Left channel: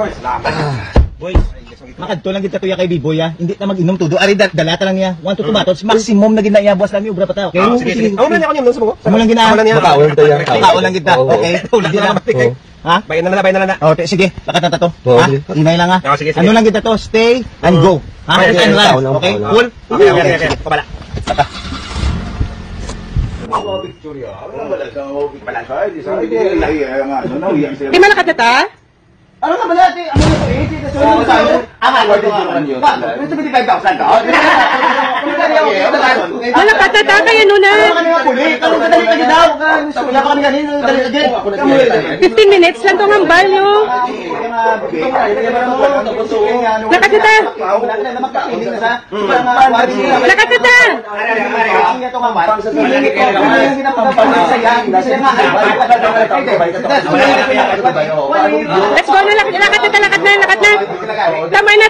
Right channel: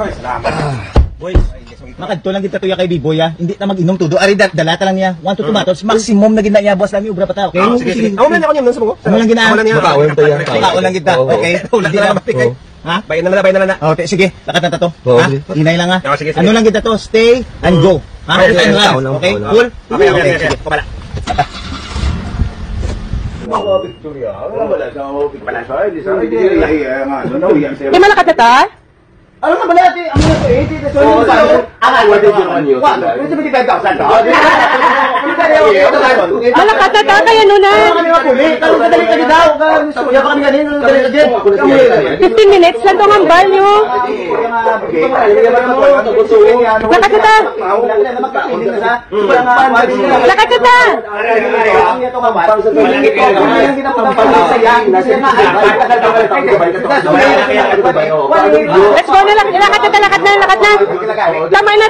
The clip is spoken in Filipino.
Boys, makadto lang kita tuya kay Biboy ha. Hindi ta mag-inom tudo. Ari dalata lang niya. 1 to 2 bottles. Maximum na gina buwas lang yung ubra pa ta. Okay? Sige. Amo na ako niyo sa mo. Amo lang gina. Makaon tayo. Makaon lang kita. Okay. Hindi na mapikit. Ha? Bayan na na. Okay, sige. Lakata to. Ha? Dinay lang ha. Ano lang kita to? Stay and go. Ha? Okay? Cool? Sige. Kumala. Di malakat na ta? Ano ka ba natin? Ang mga 80 pesos yung bago? Ang award din naman yun. 175,000 to? Malakat na ta kayo nun na. Ano kanina kulit? Ano ka dali daw? Kuya pa kami kanina. 15 minutes lang itong hambal, no? Lakat na ta. Lakat na ta. Let's go na lang. Lakat na. Tama na.